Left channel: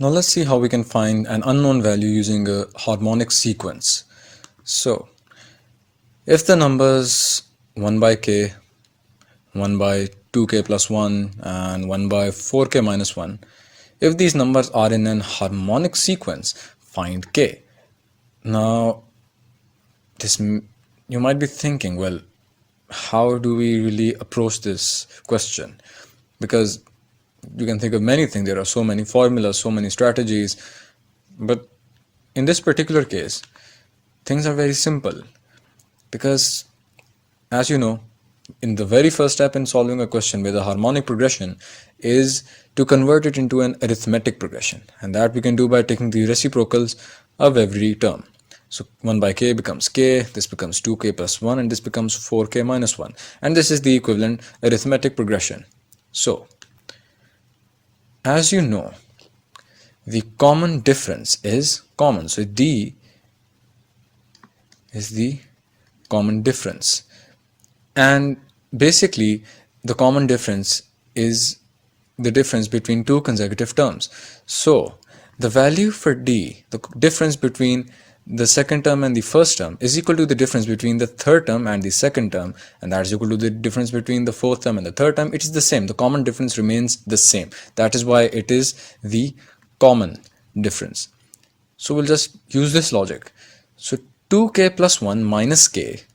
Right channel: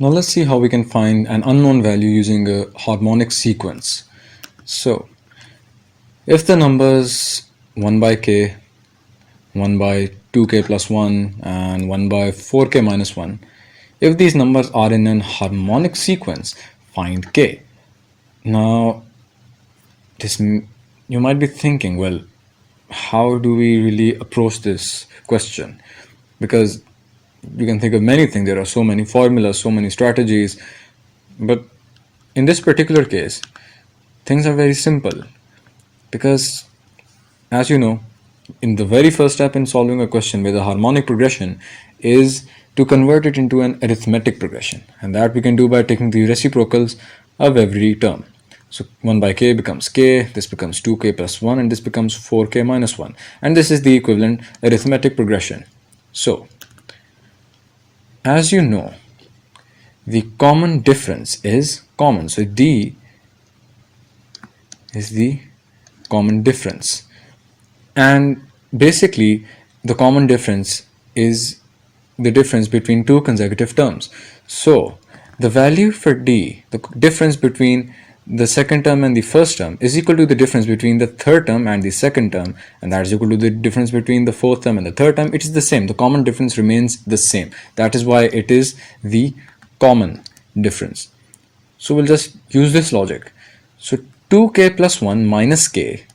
Now let's see how we can find an unknown value using a harmonic sequence. So if the numbers 1 by k, 1 by 2k plus 1 and 1 by 4k minus 1, if these numbers are in an harmonic sequence, find k. Now this you might be thinking, well, how do we really approach this question? Because you can think of many things. There are so many formulas, so many strategies, but in this particular case, things are very simple. Because as you know, in the very first step in solving a question with a harmonic progression is to convert it into an arithmetic progression, and that we can do by taking the reciprocals of every term. So 1 by k becomes k, this becomes 2k plus 1, and this becomes 4k minus 1, and this is the equivalent arithmetic progression. So as you know, the common difference is common, so d is the common difference. And basically, the common difference is the difference between two consecutive terms. So the value for d, the difference between the second term and the first term, is equal to the difference between the third term and the second term, and that is equal to the difference between the fourth term and the third term. It is the same. The common difference remains the same. That is why it is the common difference. So we'll just use this logic. So 2k plus 1 minus k,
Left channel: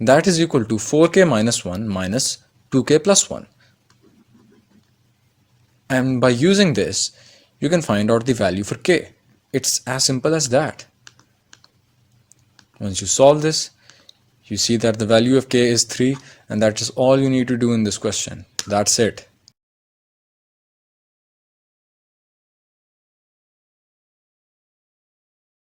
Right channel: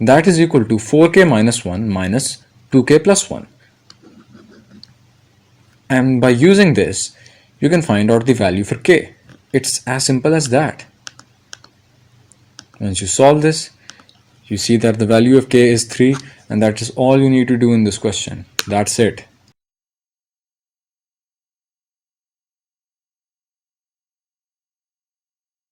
that is equal to 4k minus 1 minus 2k plus 1. And by using this, you can find out the value for k. It's as simple as that. Once you solve this, you see that the value of k is 3, and that is all you need to do in this question. That's it.